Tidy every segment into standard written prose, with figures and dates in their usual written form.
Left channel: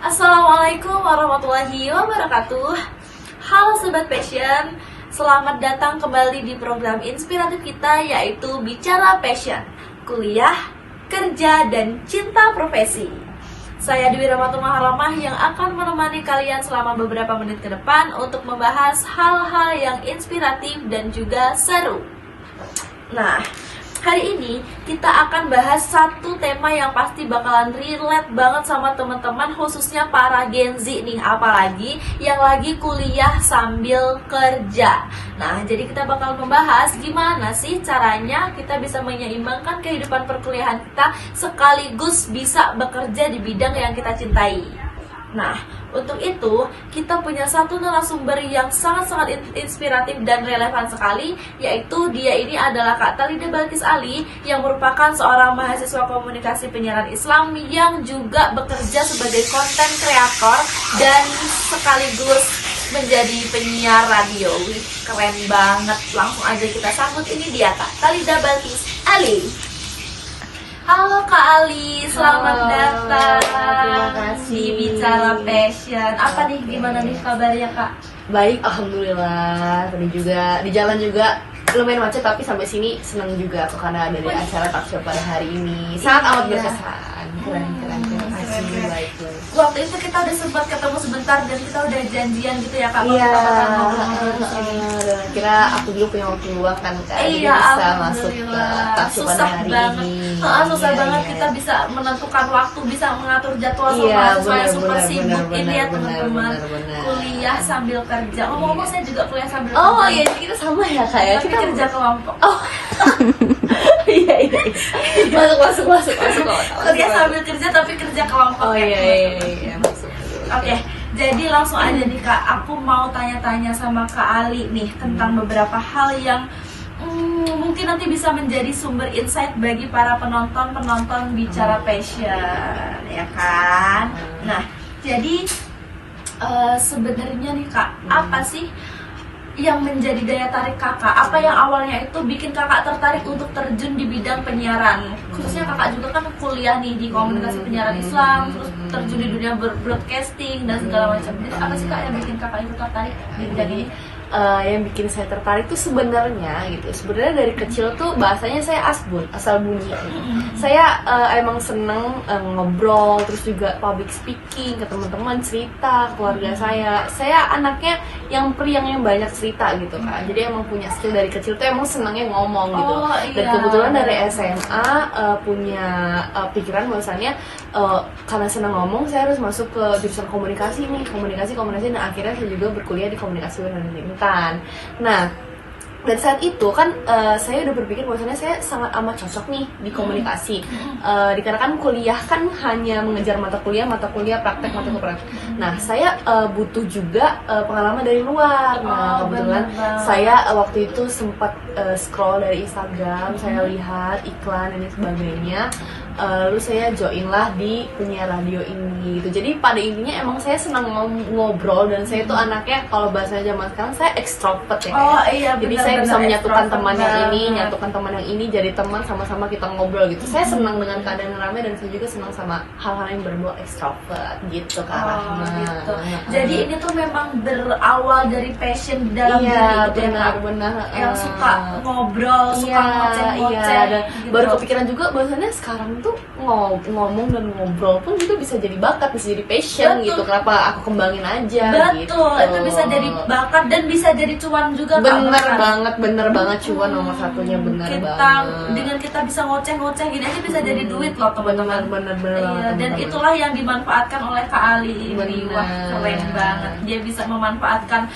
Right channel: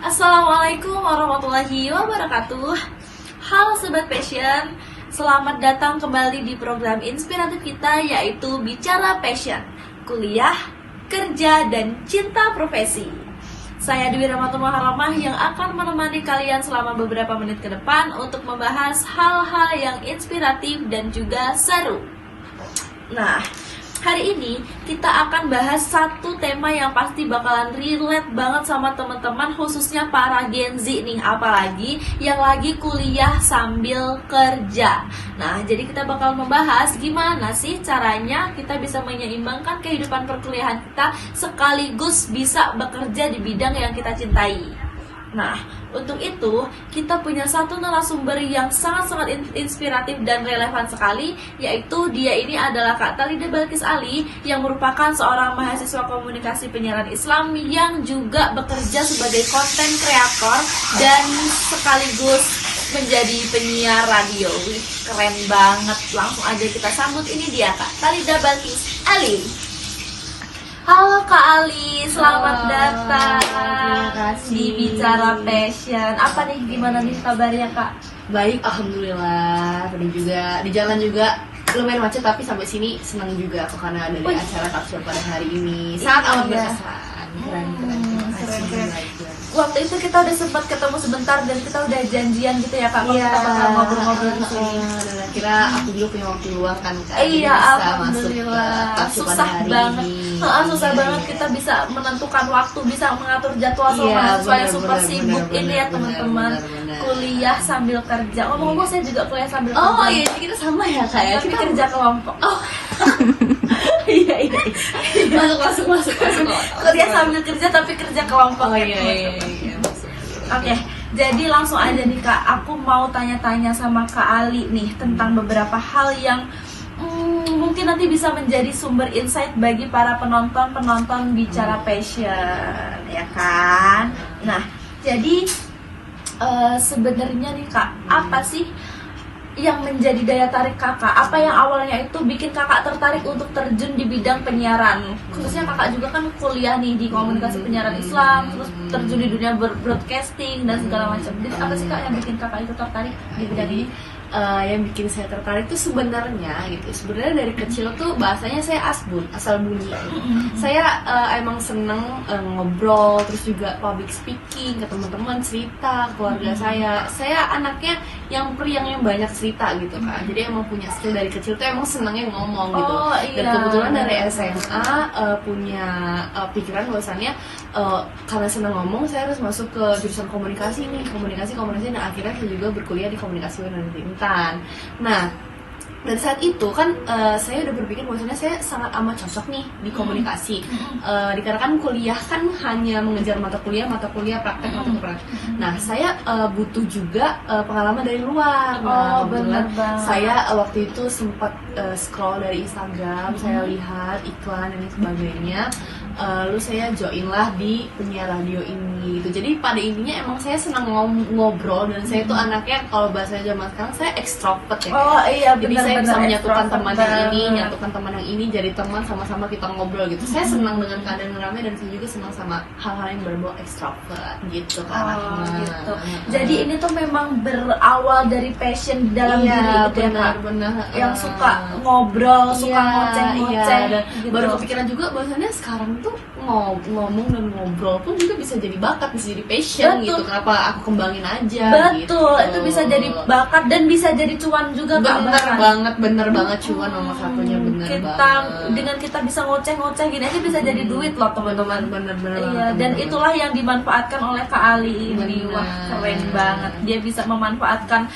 Assalamualaikum warahmatullahi wabarakatuh. Halo Sobat Passion, selamat datang kembali di program inspiratif kita yaitu Bicara Passion, kuliah, kerja, dan cinta profesi. Saya Dewi Rahmatul Maharamah yang akan menemani kalian selama beberapa menit ke depan untuk membahas hal-hal yang inspiratif dan juga seru. Nah, hari ini kita akan bahas satu tema yang pasti bakalan relate banget sama teman-teman, khususnya para Gen Z nih, apalagi yang lagi kuliah sambil kerja. Nah, jadi kita bakal membahas gimana sih caranya kita bisa menyeimbangkan kehidupan perkuliahan kita sekaligus bisa bekerja di bidang yang kita cintai. Nah, untuk itu kita punya satu narasumber yang sangat-sangat inspiratif dan relevan sekali, yaitu dia ini adalah Kak Talida Balkis Ali yang merupakan seorang mahasiswa komunikasi penyiaran Islam yang juga bekerja sebagai konten kreator dan sekaligus menjadi penyiar radio. Wih, keren banget. Langsung aja kita sambut, ini dia Kak Talida Balkis Ali. Halo Kak Ali, selamat datang. Terima kasih. Di Bicara Passion. Apa nih, gimana nih kabarnya Kak? Baik, alhamdulillah. Tadi juga di jalan juga lumayan macet, tapi sampai sini senang juga karena ada di acara talk show pada hari ini. Sangat amat berkesan. Keren. Baik. Waktu itu kita udah sempat ketemu sebentar dan kita udah janjian gitu ya Kak, kalau Iya, kita bakal ngobrol-ngobrol di sini. Dan kira aku juga punya waktu luang kan, Kak. Jadi Iya, bisa masuk ke alhamdulillah. talk show pada Susah hari banget. ini. Susah Iya, banget iya. kita bisa menentukan waktu, bisa mengatur jadwal sama Iya, mahasiswa yang super benar, sibuk benar, ini ya benar, teman-teman. benar. Kuliah sambil kerja. Ngomong-ngomong saya juga kuliah sambil Oh kerja. iya, jadi kita sama ya Kak ya. Tapi Kita kerja kelompok. Oh. Iya. Masuk. Kuliah sambil kerja tapi kerja kelompok Oh ya. iya. Masuk. Oke, jadi langsung aja nih Kak, aku mau tanya-tanya sama Kak Ali nih tentang beberapa hal yang mungkin nanti bisa menjadi sumber insight bagi para penonton Bicara Passion, ya kan? Nah, jadi sebenarnya nih Kak, apa sih yang menjadi daya tarik kakak? Apa yang awalnya itu bikin kakak tertarik untuk terjun di bidang penyiaran? Khususnya kakak juga kan kuliah nih di komunikasi penyiaran Islam, terus terjun di dunia broadcasting dan segala macam. Jadi apa sih Kak yang bikin kakak itu tertarik di bidang ini? Yang bikin saya tertarik tuh sebenarnya dari kecil tuh bahasanya saya asal bunyi gitu. Saya emang seneng ngobrol, terus juga public speaking ke teman-teman, cerita keluarga saya anaknya yang periang yang banyak cerita gitu kan, jadi emang punya skill dari kecil tuh emang senengnya ngomong gitu. Dan kebetulan dari SMA punya pikiran bahwasannya karena senang ngomong saya harus masuk ke jurusan komunikasi dan akhirnya saya juga berkuliah di komunikasi dan pemerintahan. Nah, dan saat itu kan saya udah berpikir bahwasannya saya sangat amat cocok nih di komunikasi. Dikarenakan kuliah kan hanya mengejar mata kuliah, praktek. Nah, saya butuh juga pengalaman dari luar. Nah, kebetulan saya waktu itu sempat scroll dari Instagram, saya lihat iklan dan sebagainya. Lalu saya join lah di penyiar radio ini gitu. Jadi pada intinya emang saya senang ngobrol dan saya tuh anaknya, kalau bahasanya zaman sekarang saya extrovert ya. Oh iya, jadi saya bisa menyatukan teman yang ini jadi teman, sama-sama kita ngobrol gitu. Saya senang dengan keadaan ramai dan saya juga senang sama hal-hal yang berbau extrovert gitu Kak. Gitu. Jadi ini tuh memang berawal dari passion di dalam diri gitu ya Kak. Benar. Yang suka ngobrol, suka ngoceh-ngoceh gitu. Baru kepikiran juga bahwasannya sekarang tuh ngomong dan ngobrol pun juga bisa jadi bakat, bisa jadi passion. Betul. Gitu. Kenapa aku kembangin aja? Betul, gitu. itu bisa jadi bakat dan bisa jadi cuan juga Kak. Bener banget cuan nomor satunya, Dengan kita bisa ngoceh-ngoceh gini aja bisa jadi duit loh teman-teman. Bener. Iya, dan itulah yang dimanfaatkan oleh Kak Ali ini. Wah, keren banget. Dia bisa memanfaatkan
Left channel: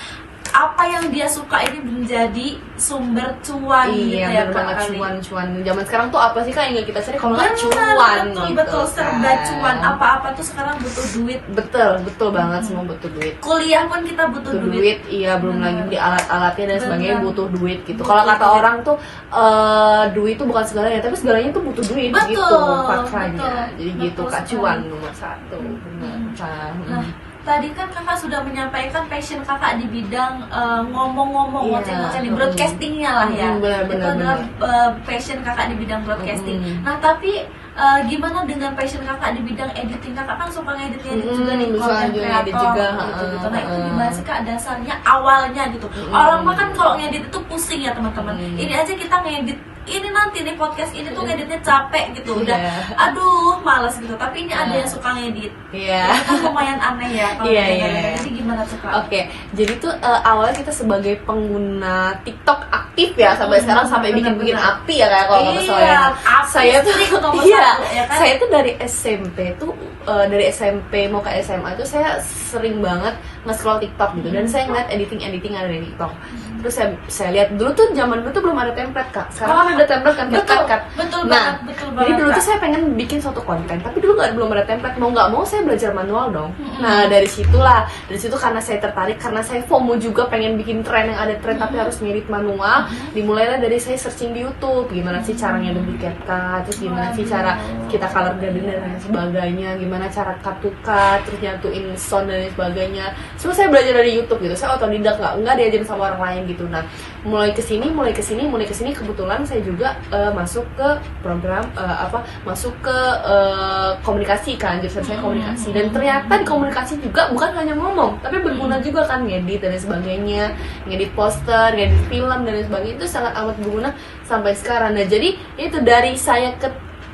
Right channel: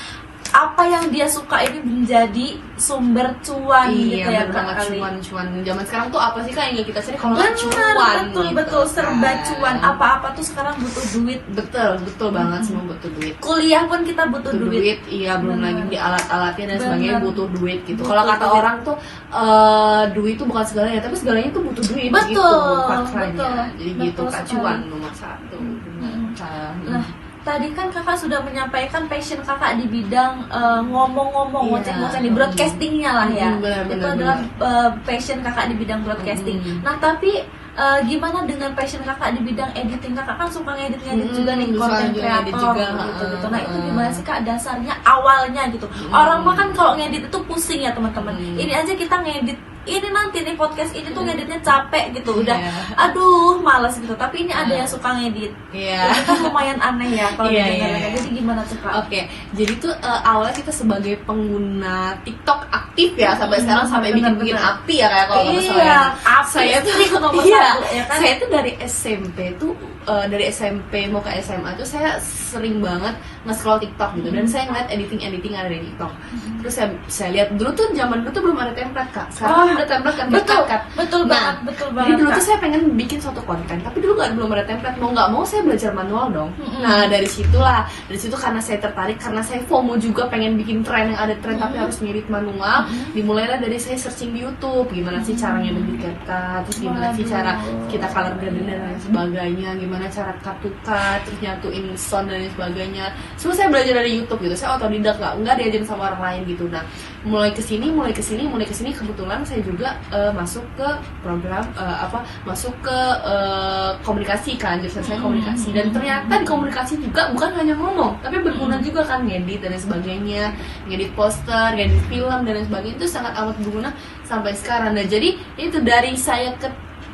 apa yang dia suka ini menjadi sumber cuan gitu ya Kak Ali. Cuan. Zaman sekarang tuh apa sih Kak yang kita cari kalau cuan? Betul, serba cuan. Apa-apa tuh sekarang butuh duit. Betul banget, semua butuh duit. Kuliah pun kita butuh duit. Iya, belum lagi di alat-alatnya dan sebagainya butuh duit gitu. Kalau kata orang tuh duit itu bukan segalanya, tapi segalanya itu butuh duit. Betul. Jadi gitu Kak, cuan nomor satu. Nah, tadi kan kakak sudah menyampaikan passion kakak di bidang ngomong-ngomong, ngoceh-ngoceh di broadcastingnya lah ya. Benar, itu adalah passion kakak di bidang broadcasting. Nah, tapi gimana dengan passion kakak di bidang editing? Kakak kan suka ngedit juga nih, suka konten juga ngedit kreator juga, gitu. Nah itu gimana sih kak dasarnya awalnya gitu? Orang mah kan kalau ngedit itu pusing ya teman-teman. Ini aja kita ngedit, ini nanti nih podcast ini tuh ngeditnya capek gitu, udah aduh males gitu. Tapi ini ada yang suka ngedit. Iya. Itu kan lumayan aneh ya kalau Iya, dengar-dengar. iya. Jadi gimana tuh kak? Oke, jadi tuh awalnya kita sebagai pengguna TikTok aktif ya sampai sekarang, sampai bikin aktif ya kayak kalau nggak salah. Iya, Saya tuh nomor iya, 1 ya kan? saya tuh dari SMP tuh dari SMP mau ke SMA tuh saya sering banget nge-scroll TikTok gitu, dan saya ngeliat editing ada di TikTok. Terus saya lihat dulu zaman dulu tuh belum ada template kak. Sekarang ada template kan, betul Nah, banget jadi dulu Kak. tuh saya pengen bikin suatu konten, tapi dulu belum ada template. Mau nggak mau saya belajar manual dong. Nah dari situ karena saya tertarik, karena saya FOMO juga pengen bikin tren yang ada tren tapi harus ngedit manual. Dimulailah dari saya searching di YouTube, gimana sih caranya ngedit CapCut, terus gimana sih cara kita color grading dan lain sebagainya, gimana cara cut to cut, terus nyatuin sound dan lain sebagainya. Semua saya belajar dari YouTube gitu. Saya otodidak, nggak diajarin sama orang lain gitu. Nah mulai kesini kebetulan saya juga masuk ke program masuk ke komunikasi kan, jurusan saya komunikasi, dan ternyata di komunikasi juga bukan hanya ngomong tapi berguna juga kan, ngedit dan lain sebagainya, ngedit poster, ngedit film dan lain sebagainya, itu sangat amat berguna sampai sekarang. Nah jadi itu dari saya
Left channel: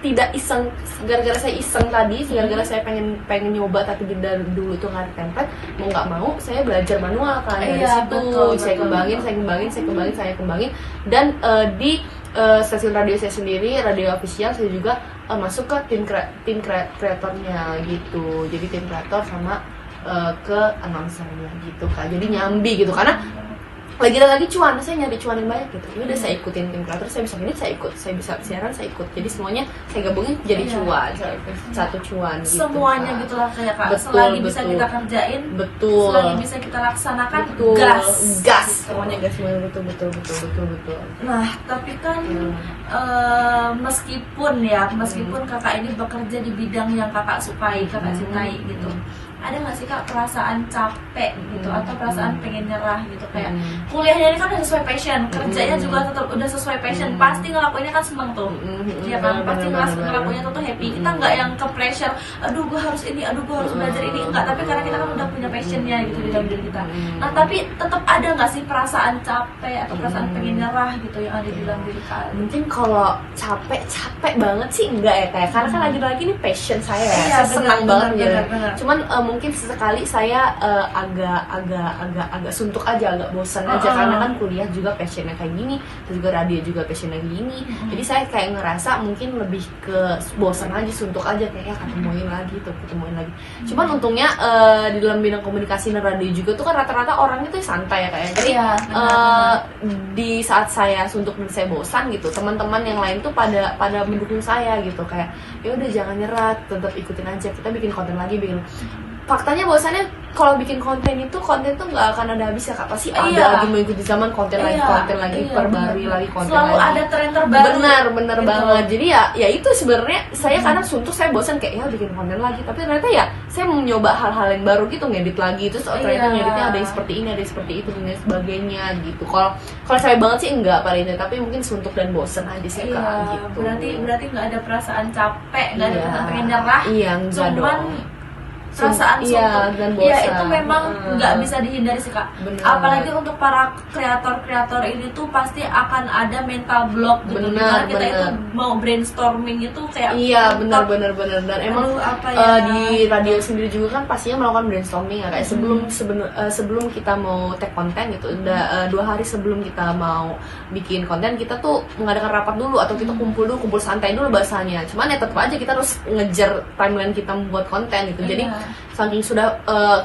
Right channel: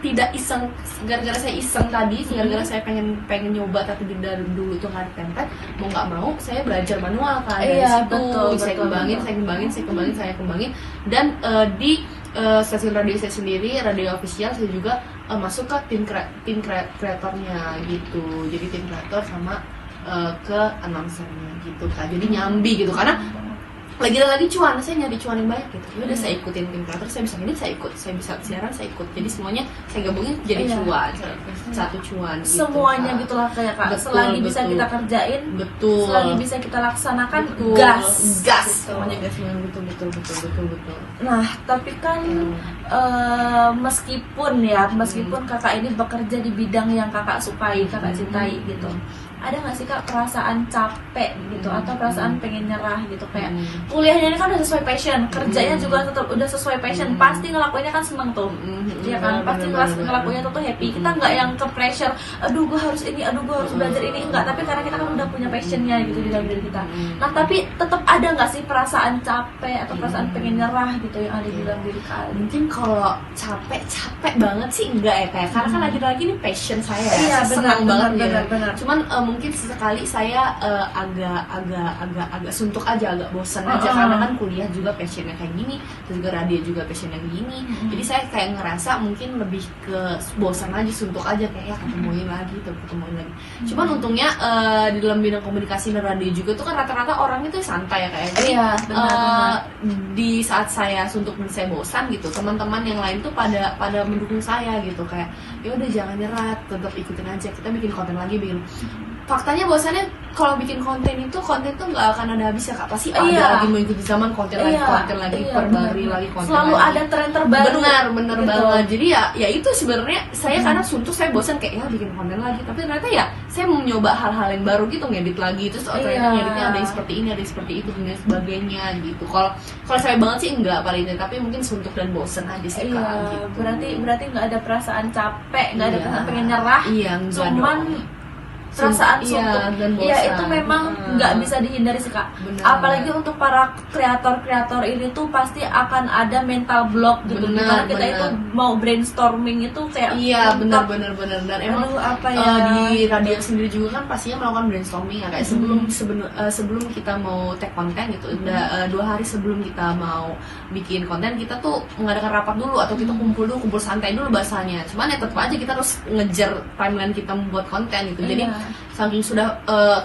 tidak iseng, gara-gara saya iseng tadi, gara-gara saya pengen nyoba tapi dari dulu tuh nggak ada template, mau nggak mau saya belajar manual kan. Dari situ saya kembangin dan di stasiun radio saya sendiri, radio official, saya juga masuk ke tim kreatornya gitu. Jadi tim kreator sama ke announcernya gitu kan. Jadi nyambi gitu, karena lagi cuan, saya nyari cuan yang banyak gitu. Udah saya ikutin tim kreator, saya bisa ngedit, saya ikut, saya bisa siaran, saya ikut. Jadi semuanya saya gabungin jadi cuan, satu cuan gitu. Semuanya kan. gitulah kayak kak. Betul, selagi bisa kita kerjain, selagi bisa kita laksanakan, gas gitu. semuanya gas semuanya, betul. Nah tapi kan meskipun kakak ini bekerja di bidang yang kakak sukai, kakak cintai gitu, ada nggak sih kak perasaan capek gitu atau perasaan pengen nyerah gitu, kayak kuliahnya ini kan udah sesuai passion, kerjanya juga tetap udah sesuai passion, pasti ngelakuinnya kan seneng tuh, ya kan, pasti ngelakuinnya tuh happy. Kita nggak yang ke pressure, aduh gue harus ini, aduh gue harus belajar ini, enggak, tapi karena kita kan udah punya passionnya gitu di dalam diri kita. Nah tapi tetap ada nggak sih perasaan capek atau perasaan pengen nyerah gitu yang ada di dalam diri kalian? Mungkin kalau capek banget sih enggak ya, kayak karena kan lagi-lagi ini passion saya ya, Iya, saya senang banget benar. Cuman mungkin sesekali saya agak suntuk aja, agak bosan aja, karena kan kuliah juga passionnya kayak gini, terus juga radio juga passionnya kayak gini. Jadi saya kayak ngerasa mungkin lebih ke bosan aja, suntuk aja, kayak ketemuin lagi. Cuman untungnya di dalam bidang komunikasi dan radio juga tuh kan rata-rata orangnya tuh santai ya kayak. Iya, benar. Di saat saya suntuk dan saya bosan gitu, teman-teman yang lain tuh pada mendukung saya gitu, kayak ya udah jangan nyerah, tetap ikutin aja, kita bikin konten lagi. Faktanya bahwasannya kalau bikin konten tuh nggak akan ada habisnya kak, pasti ada lagi mengikuti zaman, konten lagi perbarui lagi konten selalu lagi. ada tren terbaru. Benar banget. Jadi ya itu sebenarnya saya karena suntuk, saya bosan kayaknya bikin konten lagi, tapi ternyata ya saya mencoba hal-hal yang baru gitu, ngedit lagi, terus ternyata ngeditnya ada yang seperti ini, ada yang seperti itu dan sebagainya gitu. Kalau saya banget sih enggak paling ini, tapi mungkin suntuk dan bosan aja sih kak gitu. Berarti nggak ada perasaan capek, nggak ada perasaan pengen nyerah, cuman perasaan suntuk, dan bosan. Ya itu memang nggak bisa dihindari sih kak. Bener. Apalagi untuk para kreator ini tuh pasti akan ada mental block gitu, dimana kita itu mau brainstorming itu kayak benar. Dan emang di radio sendiri juga kan pastinya melakukan brainstorming ya kayak sebelum kita mau take konten gitu, udah 2 hari sebelum kita mau bikin konten, kita tuh mengadakan rapat dulu atau kita kumpul santai dulu bahasanya. Cuman ya tetap aja kita harus ngejar timeline kita membuat konten gitu. Jadi saking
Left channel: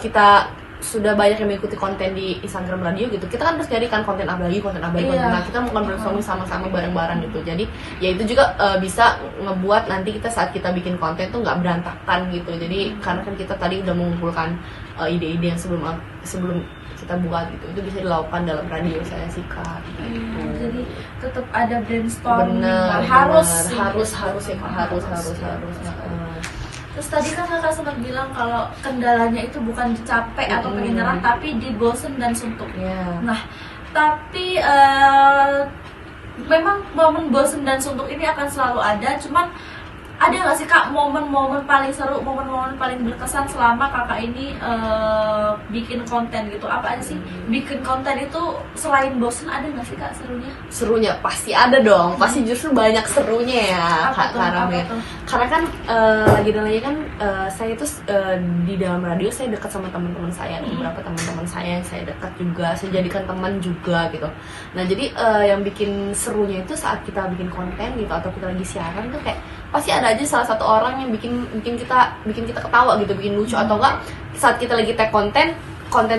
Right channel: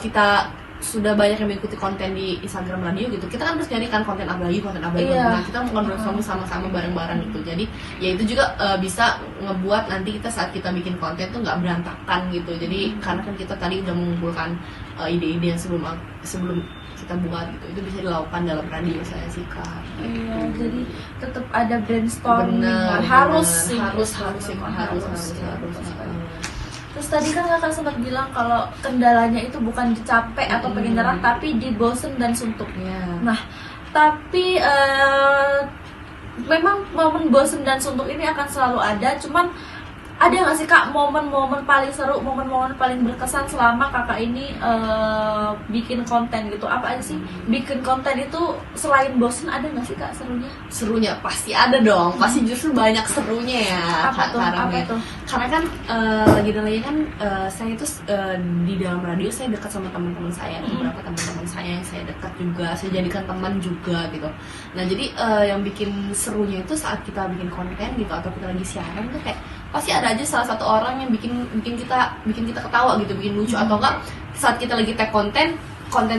kita sudah banyak yang mengikuti konten di Instagram radio gitu, kita kan harus jadikan konten abadi. Nah, kita melakukan brainstorming sama-sama bareng-bareng gitu. Jadi ya itu juga bisa ngebuat nanti kita saat kita bikin konten tuh nggak berantakan gitu. Jadi karena kan kita tadi udah mengumpulkan ide-ide yang sebelum kita buat gitu, itu bisa dilakukan dalam radio saya sih kak gitu. Jadi tetap ada brainstorming, harus. Terus tadi kan kakak sempat bilang kalau kendalanya itu bukan di capek atau pengen nyerah, tapi di bosen dan suntuk. Nah, tapi memang momen bosen dan suntuk ini akan selalu ada. Cuman ada nggak sih Kak momen-momen paling seru, momen-momen paling berkesan selama Kakak ini bikin konten gitu? Apa aja sih bikin konten itu selain bosen, ada nggak sih Kak serunya? Serunya pasti ada dong, pasti justru banyak serunya ya Kak Karame. Apa tuh? Karena kan lagi dan lagi kan saya itu di dalam radio saya dekat sama teman-teman saya, beberapa teman-teman saya yang saya dekat juga, saya jadikan teman juga gitu. Nah jadi yang bikin serunya itu saat kita bikin konten gitu atau kita lagi siaran tuh kayak pasti ada aja salah satu orang yang bikin kita ketawa gitu, bikin lucu, atau enggak saat kita lagi tag konten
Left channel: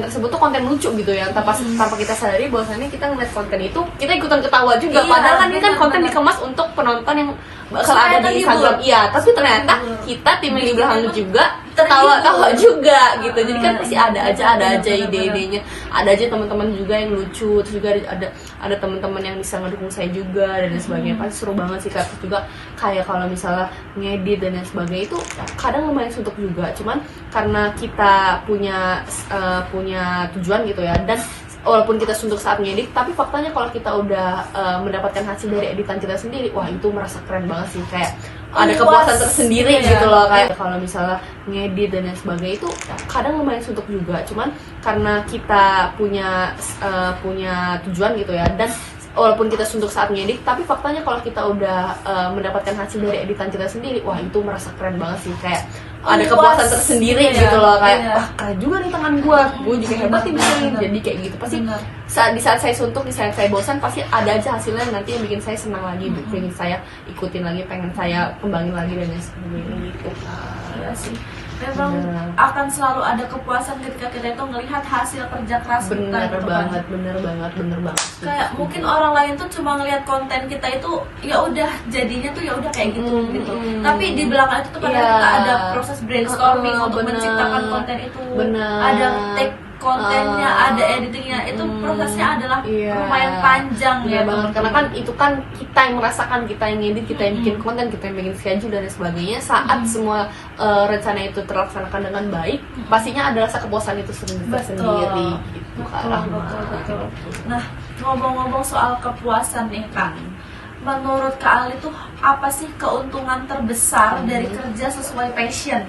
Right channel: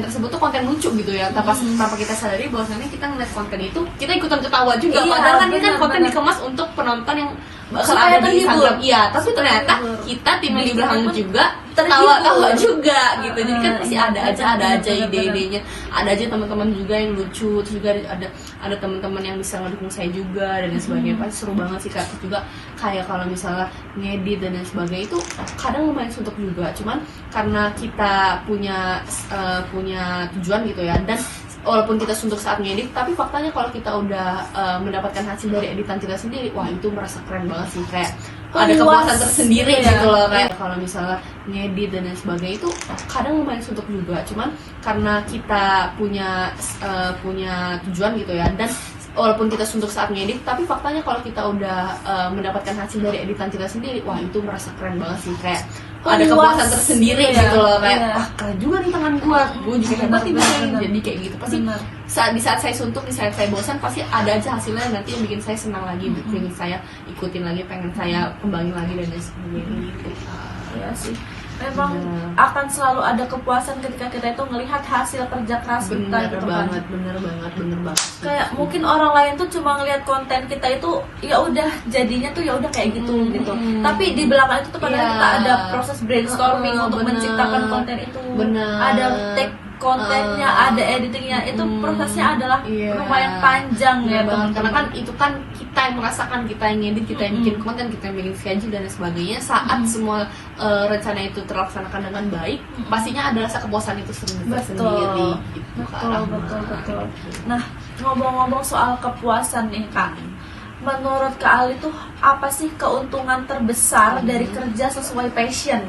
tersebut tuh konten lucu gitu ya, tanpa kita sadari bahwasannya kita ngeliat konten itu kita ikutan ketawa juga. Iya, padahal kan ini kan konten benar. dikemas untuk penonton yang bakal Supaya ada di terhibur. Instagram. Iya, tapi ternyata terhibur. kita di Bikin belakang emang juga terhibur. tawa juga gitu. Jadi kan pasti ada aja benar. ide-idenya, ada aja teman-teman juga yang lucu, terus juga ada teman-teman yang bisa ngedukung saya juga dan lain sebagainya. Pasti seru banget sih Kak. Terus juga kayak kalau misalnya ngedit dan lain sebagainya itu kadang lumayan suntuk juga. Cuman karena kita punya tujuan gitu ya, dan walaupun kita suntuk saat ngedit, tapi faktanya kalau kita udah mendapatkan hasil dari editan kita sendiri, wah itu merasa keren banget sih, kayak ada Puas kepuasan tersendiri gitu ya. gitu loh. Kayak kalau misalnya ngedit dan lain sebagainya itu kadang lumayan suntuk juga. Cuman karena kita punya tujuan gitu ya, dan walaupun kita suntuk saat ngedit, tapi faktanya kalau kita udah mendapatkan hasil dari editan kita sendiri, wah itu merasa keren banget sih, kayak ada Puas kepuasan tersendiri gitu ya. gitu loh, kayak Iya. wah keren juga nih tangan gue juga hebat nih bisa nih. Jadi kayak gitu pasti Benar. di saat saya suntuk, di saat saya bosan, pasti ada aja hasilnya yang nanti yang bikin saya senang lagi, bikin saya ikutin lagi, pengen saya kembangin lagi dan lain sebagainya gitu kan. Iya sih. Memang Benar. akan selalu ada kepuasan ketika kita itu melihat hasil kerja keras kita Bener gitu banget, kan. bener banget. Kayak mungkin orang lain tuh cuma ngelihat konten kita itu ya udah jadinya tuh ya udah kayak gitu gitu. Tapi di belakang itu tuh kadang Iya. kita ada proses brainstorming untuk Bener. menciptakan konten itu. Bener. Ada take kontennya, ada editingnya. Itu prosesnya adalah Iya. lumayan panjang Iya ya banget, karena kan teman-teman. itu kan kita yang merasakan, kita yang ngedit, kita yang bikin konten, kita yang bikin schedule dan lain sebagainya. Saat semua rencana itu terlaksanakan dengan baik, pastinya ada rasa kepuasan itu sendiri gitu kan. Betul. Nah, ngomong-ngomong soal kepuasan nih Kak, menurut Kak Ali tuh apa sih keuntungan terbesar dari kerja sesuai passion?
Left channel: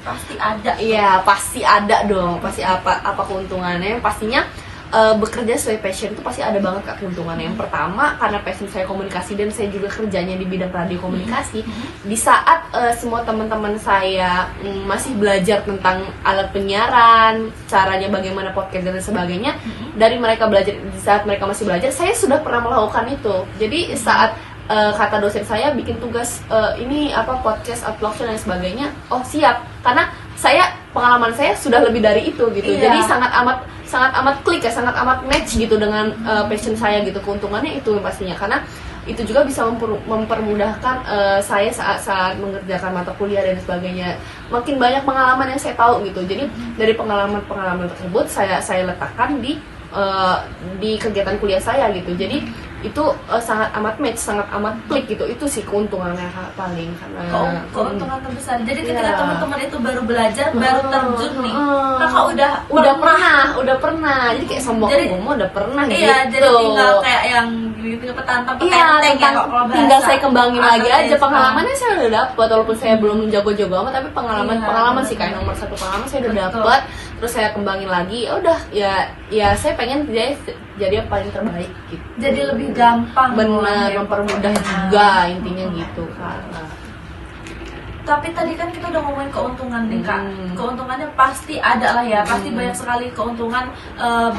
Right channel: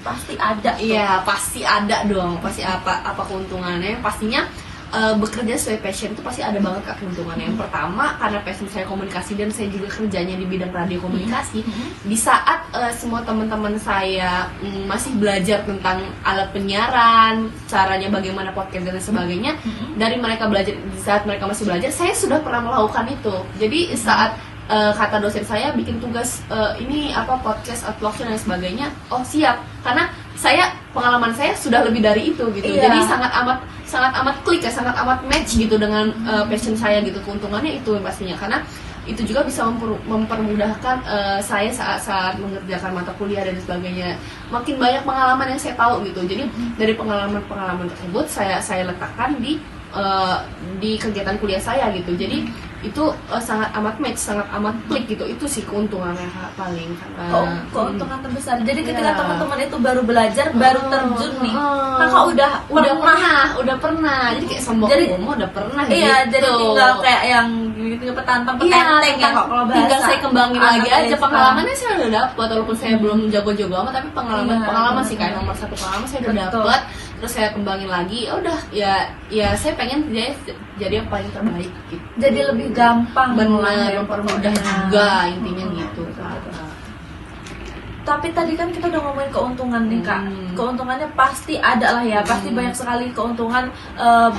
Pasti ada. Iya, pasti ada dong. Pasti apa keuntungannya? Pastinya bekerja sesuai passion itu pasti ada banget Kak keuntungannya. Yang pertama, karena passion saya komunikasi dan saya juga kerjanya di bidang radio komunikasi. Di saat semua teman-teman saya masih belajar tentang alat penyiaran, caranya bagaimana podcast dan sebagainya, dari mereka belajar, di saat mereka masih belajar, saya sudah pernah melakukan itu. Jadi saat kata dosen saya bikin tugas ini apa podcast, upload dan sebagainya, oh siap, karena pengalaman saya sudah lebih dari itu gitu. Iya. Jadi sangat amat klik ya, sangat amat match gitu dengan passion saya gitu. Keuntungannya itu pastinya, karena itu juga bisa mempermudahkan saya saat mengerjakan mata kuliah dan sebagainya. Makin banyak pengalaman yang saya tahu gitu. Jadi dari pengalaman tersebut saya letakkan di kegiatan kuliah saya gitu. Jadi itu sangat amat match, sangat amat klik gitu. Itu sih keuntungannya paling, karena Keuntungan terbesar. Jadi ketika Iya. teman-teman itu baru belajar, baru terjun nih, Kakak udah pernah. Jadi kayak sombong Jadi- udah pernah Iya, gitu. jadi tinggal kayak yang gitu petantang petenteng ya kalau bahasa. tinggal saya kembangin lagi anak aja. desa. Pengalamannya saya udah dapat, walaupun saya belum jago-jago amat, tapi pengalaman Iya, sih kayak benar. nomor satu pengalaman saya udah Betul. dapat. Terus saya kembangin lagi, ya udah ya saya pengen jadi yang paling terbaik gitu. Jadi lebih gampang benar, ya, mempermudah pokoknya. juga intinya gitu kan. Tapi tadi kan kita udah ngomongin keuntungan nih Kak. Hmm. Keuntungannya pasti ada lah ya, pasti banyak sekali keuntungan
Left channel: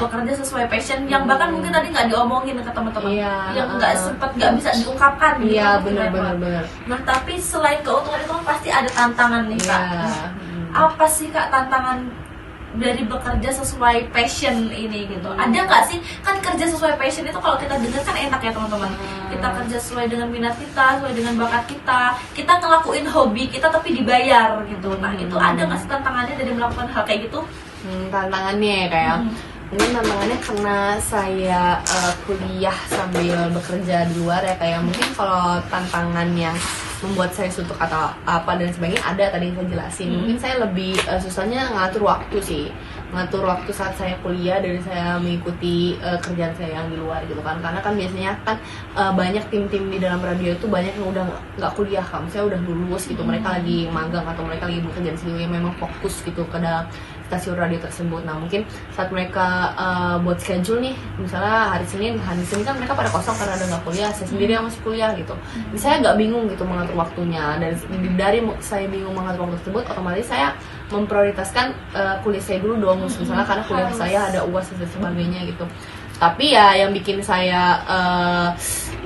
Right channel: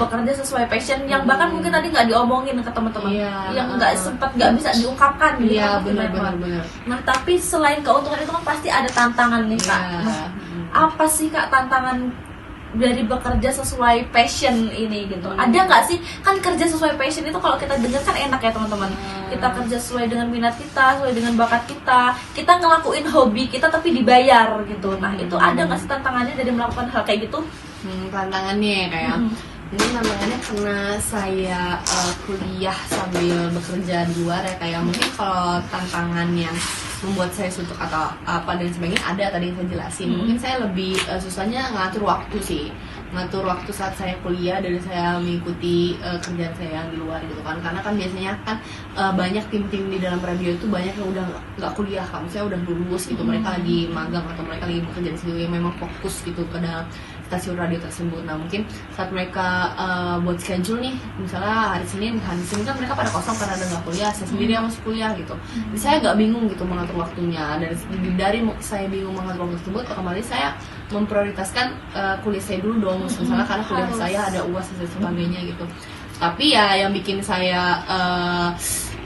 bekerja sesuai passion yang bahkan mungkin tadi nggak diomongin ke teman-teman, Iya, yang nggak bisa diungkapkan gitu. Iya, kan, benar. Nah tapi selain keuntungan itu kan pasti ada tantangan nih Kak. Iya. Nah, apa sih Kak tantangan dari bekerja sesuai passion ini gitu? Ada nggak sih, kan kerja sesuai passion itu kalau kita dengar kan enak ya teman-teman. Kita kerja sesuai dengan minat kita, sesuai dengan bakat kita ngelakuin hobi kita tapi dibayar gitu. Nah itu ada nggak sih tantangannya dari melakukan hal kayak gitu? Tantangannya kayak mungkin tantangannya karena saya kuliah sambil bekerja di luar ya, kayak mungkin kalau tantangan yang membuat saya suntuk atau apa dan sebagainya ada tadi yang saya jelasin. Mungkin saya lebih susahnya ngatur waktu sih, ngatur waktu saat saya kuliah dari saya mengikuti kerjaan saya di luar gitu kan, karena kan biasanya kan banyak tim-tim di dalam radio itu banyak yang udah nggak kuliah kan, saya udah lulus gitu, mereka lagi magang atau mereka lagi bekerja di situ yang memang fokus gitu ke dalam stasiun radio tersebut. Nah mungkin saat mereka buat schedule nih, misalnya hari Senin kan mereka pada kosong karena ada nggak kuliah, saya sendiri yang masih kuliah gitu. Jadi saya nggak bingung gitu mengatur waktunya. Dari saya bingung mengatur waktu tersebut, otomatis saya memprioritaskan kuliah saya dulu dong, misalnya karena kuliah saya ada UAS dan sebagainya gitu. Tapi ya yang bikin saya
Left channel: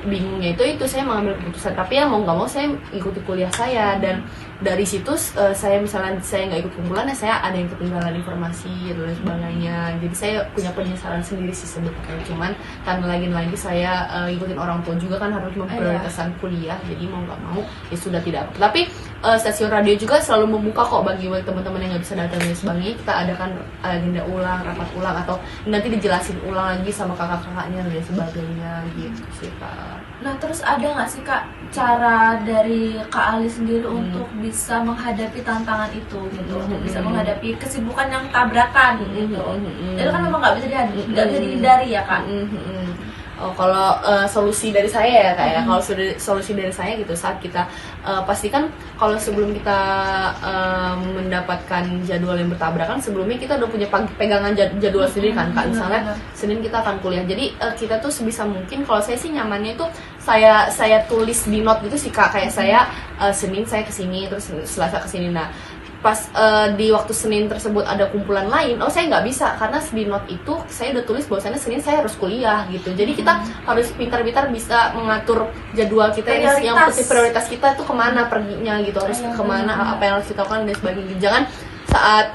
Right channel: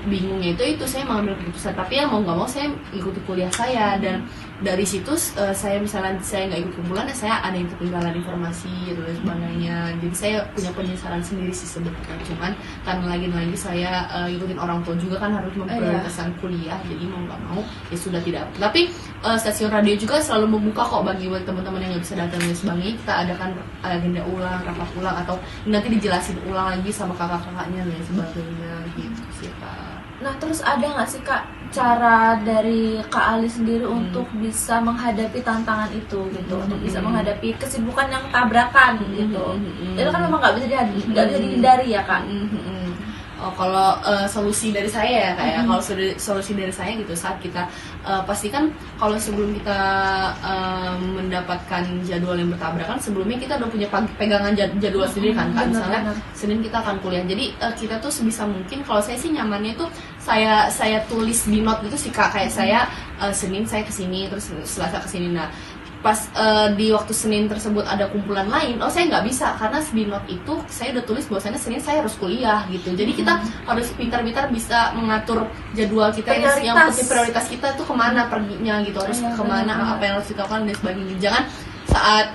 bingungnya itu saya mengambil keputusan, tapi ya mau nggak mau saya ikuti kuliah saya, dan dari situ saya misalnya saya nggak ikut kumpulan ya saya ada yang ketinggalan informasi dan sebagainya. Jadi saya punya penyesalan sendiri sih sebetulnya, cuman karena lagi saya ikutin orang tua juga kan harus memprioritaskan kuliah, jadi mau nggak mau ya sudah tidak. Tapi stasiun radio juga selalu membuka kok bagi teman-teman yang nggak bisa datang dan sebagainya. Kita adakan agenda ulang, rapat ulang, atau nanti dijelasin ulang lagi sama kakak-kakaknya dan sebagainya gitu sih Kak. Nah terus ada nggak sih Kak cara dari Kak Ali sendiri untuk bisa menghadapi tantangan itu gitu, untuk bisa menghadapi kesibukan yang tabrakan gitu? Itu kan memang nggak bisa dihindari ya Kak. Oh, kalau solusi dari saya ya kayak kalau solusi dari saya gitu, saat kita pastikan kalau sebelum kita mendapatkan jadwal yang bertabrakan, sebelumnya kita udah punya pegangan jadwal sendiri kan Kak. Misalnya Senin kita akan kuliah, jadi kita tuh sebisa mungkin, kalau saya sih nyamannya itu saya tulis di note gitu sih Kak, kayak saya Senin saya kesini, terus Selasa kesini. Nah pas di waktu Senin tersebut ada kumpulan lain, saya nggak bisa karena di note itu saya udah tulis bahwasannya Senin saya harus kuliah gitu. Jadi kita harus pintar-pintar bisa mengatur jadwal kita yang penting prioritas kita itu kemana perginya gitu, harus kemana, apa yang harus kita lakukan dan sebagainya. Jangan saat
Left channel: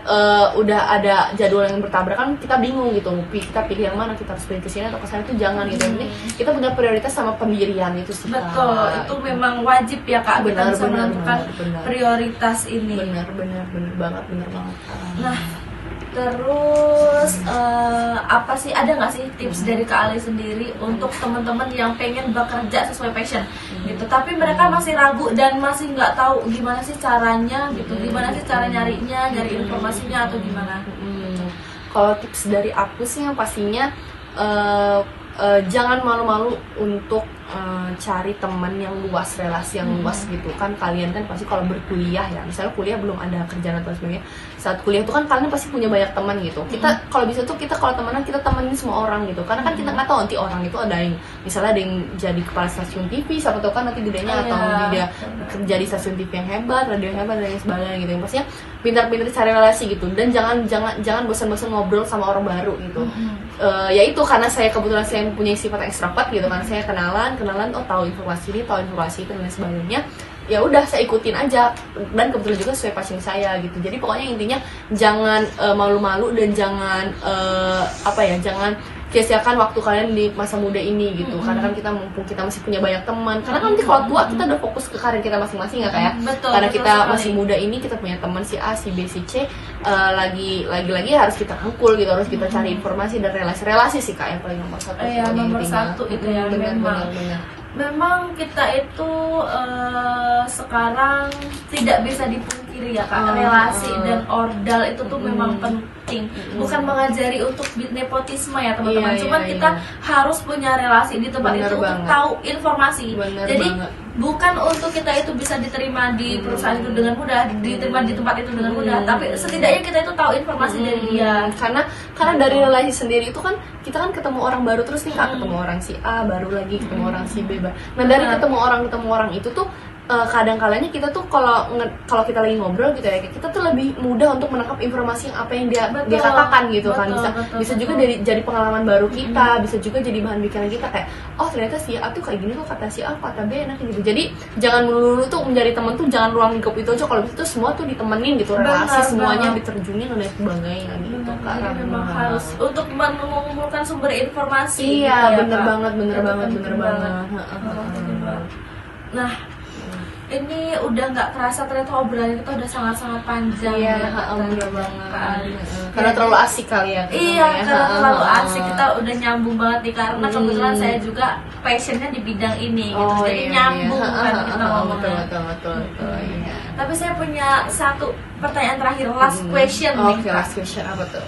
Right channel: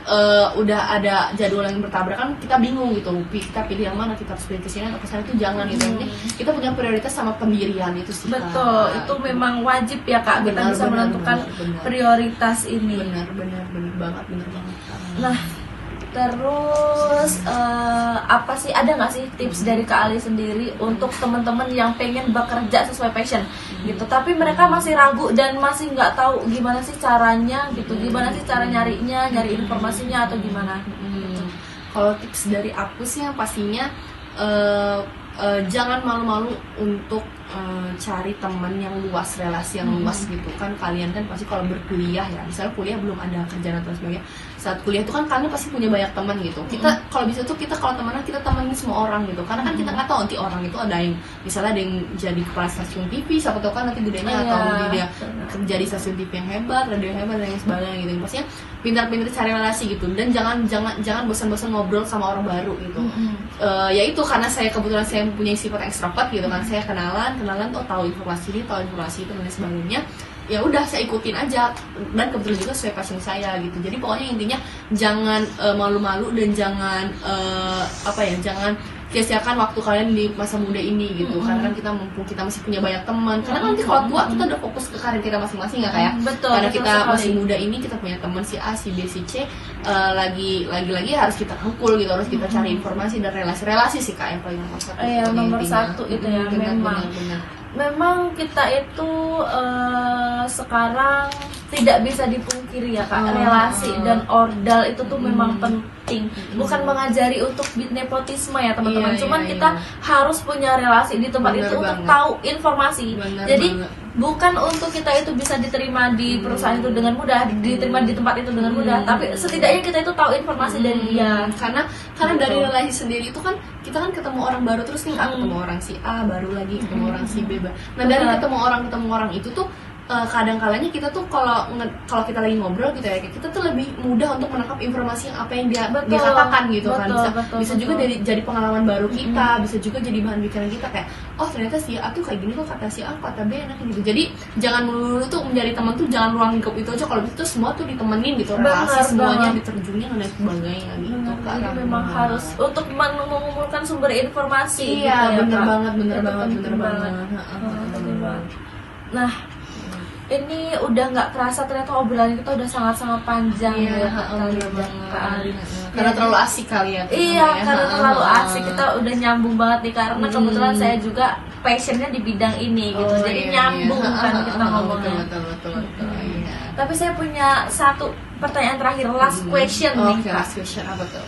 udah ada jadwal yang bertabrakan kita bingung gitu, kita pilih yang mana, kita harus pilih kesini atau kesana, itu jangan gitu. Kita punya prioritas sama pendirian itu sih. Betul, itu memang wajib ya Kak, kita bisa menentukan prioritas ini. Bener banget. Nah terus apa sih, ada nggak sih tips dari Kak Ali sendiri untuk teman-teman yang pengen bekerja sesuai passion gitu, tapi mereka masih ragu dan masih nggak tahu gimana sih caranya gitu, gimana sih cara nyari informasinya atau gimana? Kalau tips dari aku sih yang pastinya jangan malu-malu untuk cari teman yang luas, relasi yang luas gitu kan. Kalian kan pasti kalau berkuliah ya, misalnya kuliah belum ada kerjaan atau sebagainya, saat kuliah itu kan kalian pasti punya banyak teman gitu. Kita kalau bisa tuh kita kalau temenan kita temenin semua orang gitu, karena kan kita nggak tahu nanti orang itu ada yang misalnya ada yang jadi kepala stasiun TV, siapa tahu kan nanti gedenya atau dia jadi stasiun TV yang hebat, radio yang hebat dan sebagainya gitu. Yang pastinya pintar-pintar cari relasi gitu, dan jangan bosan-bosan ngobrol sama orang baru gitu. Ya itu karena saya kebetulan selain punya sifat ekstrovert gitu kan, saya kenalan tahu informasi ini, tahu informasi itu dan sebagainya, ya udah saya ikutin aja, dan kebetulan juga sesuai passion saya gitu. Jadi pokoknya intinya jangan malu-malu dan jangan jangan sia-siakan waktu kalian di masa muda ini gitu. Karena kan kita mumpung kita masih punya banyak teman, karena kan nanti kalau tua kita udah fokus ke karir kita masing-masing ya kayak. Karena kita masih muda ini kita punya teman si A, si B, si C, lagi harus kita rangkul gitu, harus kita cari informasi dan relasi sih Kak yang paling nomor satu. Iya, nomor satu itu ya. Memang kita itu sekarang tidak bisa dipungkiri ya Kak, relasi dan ordal itu tuh memang penting. Bukan mengajari untuk nepotisme ya teman-teman, cuman kita harus punya relasi di tempat itu untuk tahu informasi. Jadi bukan untuk kita itu bisa diterima di perusahaan itu dengan mudah, diterima di tempat itu dengan mudah, tapi setidaknya kita itu tahu informasi dari dia. Karena dari relasi sendiri itu kan kita kan ketemu orang baru terus nih Kak, ketemu orang si A, baru lagi ketemu orang si B. Nah dari ketemu orang itu tuh kadang-kalanya kita tuh kalau kita lagi ngobrol gitu ya, kita tuh lebih mudah untuk menangkap informasi apa yang dia katakan gitu kan. Bisa juga jadi pengalaman baru kita, bisa juga jadi bahan pikiran kita kayak, oh ternyata si A tuh kayak gini kok, kata si A, kata B enak gitu. Jadi jangan melulu tuh menjadi teman tuh jangan ruang lingkup itu aja, kalau gitu semua tuh ditemenin gitu, relasi semuanya diterjunin dan sebagainya gitu. Karena memang harus untuk mengumpulkan sumber informasi. Iya, bener banget. Nah Ini udah nggak kerasa ternyata obrolan kita udah sangat-sangat panjang Iya, ya Kak Tali, bener Kak banget. Ali. Karena terlalu asik kali ya. Iya, namanya. karena terlalu Ha, ha, asik, kita udah nyambung banget nih karena kebetulan saya juga passionnya di bidang ini gitu, Oh, jadi iya, nyambung iya. kan kita ngomongnya. Betul, iya. Tapi saya punya satu pertanyaan terakhir, last question nih Oke, Kak. last question apa tuh?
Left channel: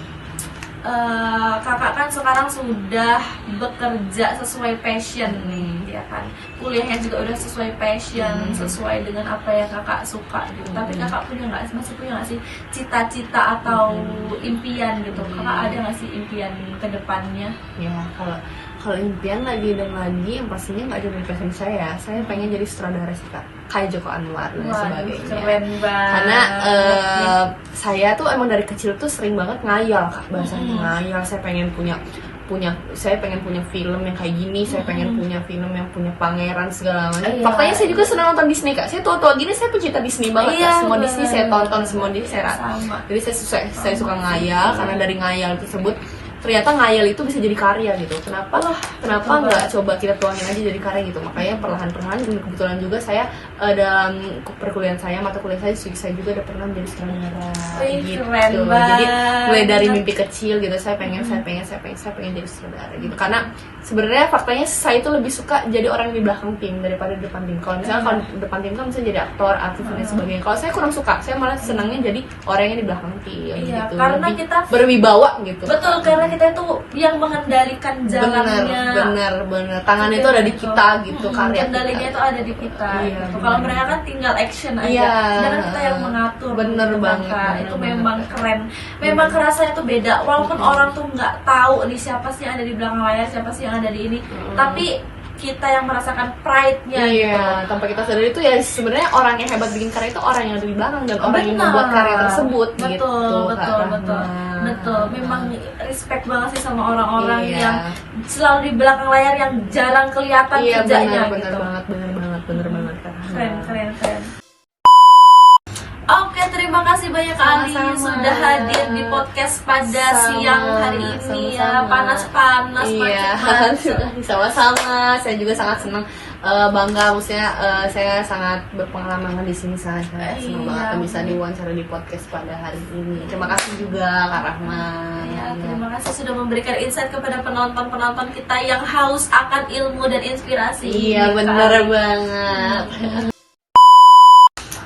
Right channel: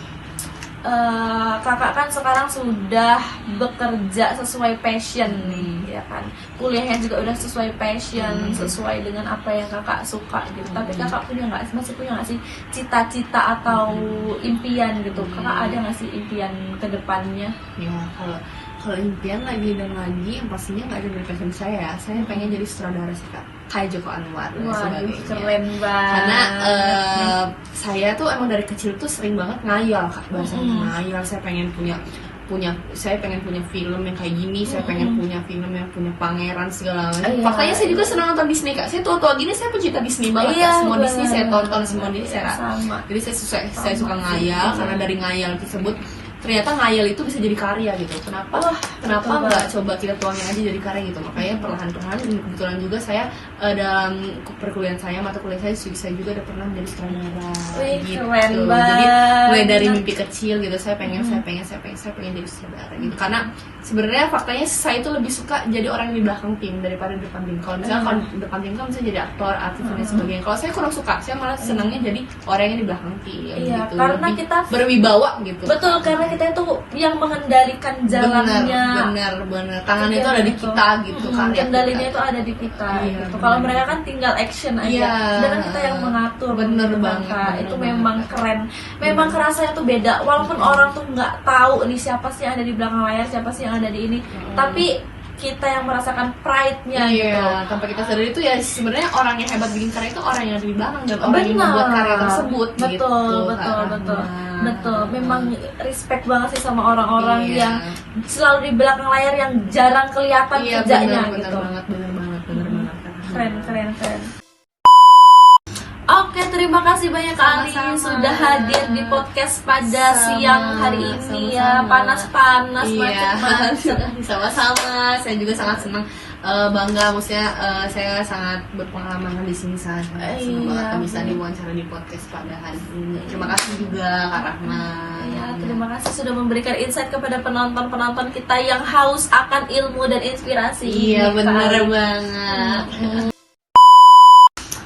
Kakak kan sekarang sudah bekerja sesuai passion nih, ya kan? Kuliahnya juga udah sesuai passion, sesuai dengan apa yang kakak suka gitu. Tapi kakak masih punya nggak sih cita-cita atau impian gitu? Kakak ada nggak sih impian ke depannya? Ya, kalau impian lagi dan lagi yang pastinya nggak jadi passion saya pengen jadi sutradara sih Kak, kayak Joko Anwar dan Waduh, sebagainya. keren banget. Karena saya tuh emang dari kecil tuh sering banget ngayal Kak, bahasanya ngayal. Saya pengen punya film yang kayak gini, saya pengen punya film yang punya pangeran segala macam. Iya. Faktanya saya juga senang nonton Disney Kak. Saya tua gini saya pecinta Disney banget Iya, Kak. Semua bener. Disney saya tonton, semua Disney saya Sama. jadi saya suka ngayal, karena dari ngayal tersebut ternyata ngayal itu bisa jadi karya gitu. Kenapa nggak coba kita tuangin aja jadi karya gitu. Makanya perlahan-perlahan kebetulan juga saya dalam perkuliahan saya, mata kuliah saya juga udah pernah menjadi sutradara Wih, gitu. keren Jadi banget. mulai dari mimpi kecil gitu, saya pengen jadi sutradara gitu. Karena sebenarnya faktanya saya itu lebih suka jadi orang yang di belakang tim daripada di depan tim. Kalau misalnya kalau di depan tim kan bisa jadi aktor, artis dan sebagainya. Kalau saya kurang suka, saya malah senangnya jadi orang yang di belakang tim Iya, gitu. karena Lebih kita berwibawa gitu. betul, karena kita itu yang mengendalikan jalannya. Bener. Tangan itu ada di kita gitu, karya kendalinya kita. itu ada di kita Iya, gitu. bener. Kalau mereka kan tinggal action aja, Iya. sedangkan kita yang mengatur. Bener gitu kan, banget, Kak. bener Itu banget. memang keren. Memang kerasanya tuh beda. Walaupun orang tuh nggak tahu nih siapa sih yang ada di belakang layar, siapa sih yang ada di ini, tapi kita yang merasakan pride-nya gitu. Iya, tanpa kita sadari itu ya sebenarnya orang yang hebat bikin karya itu orang yang ada di belakang dan orang yang membuat karya tersebut betul, gitu. betul. Memang respect banget sih sama orang-orang Iya. yang selalu di belakang layar yang jarang kelihatan kerjanya gitu. bener banget. Keren. Oke, terima kasih banyak Kak Ali Sama-sama. sudah hadir di podcast pada siang hari ini ya. Sama-sama. Panas-panas, Iya, macet-macet. sama-sama. Saya juga sangat senang, bangga, maksudnya saya sangat berpengalaman di sini saya. Semoga Iya. bisa diwawancara di podcast pada hari ini. Terima kasih juga Kak Rahma. Ya, terima kasih sudah memberikan insight kepada penonton-penonton kita yang haus akan ilmu dan inspirasi. Iya, ini, Kak bener Ali. banget.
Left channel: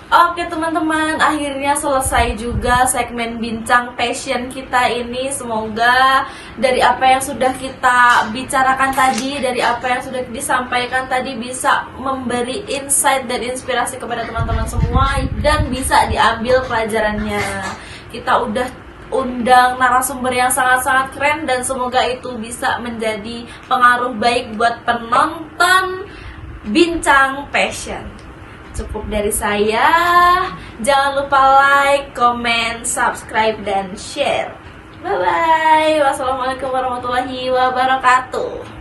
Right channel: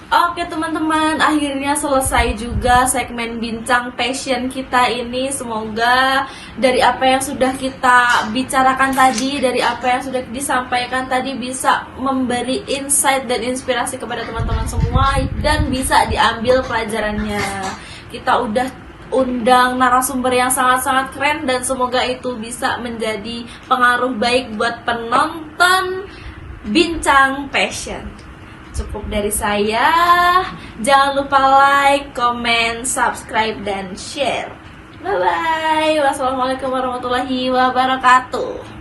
Oke teman-teman, akhirnya selesai juga segmen bincang passion kita ini. Semoga dari apa yang sudah kita bicarakan tadi, dari apa yang sudah disampaikan tadi bisa memberi insight dan inspirasi kepada teman-teman semua dan bisa diambil pelajarannya. Kita udah undang narasumber yang sangat-sangat keren dan semoga itu bisa menjadi pengaruh baik buat penonton bincang passion. Cukup dari saya. Jangan lupa like, comment, subscribe, dan share. Bye-bye. Wassalamualaikum warahmatullahi wabarakatuh.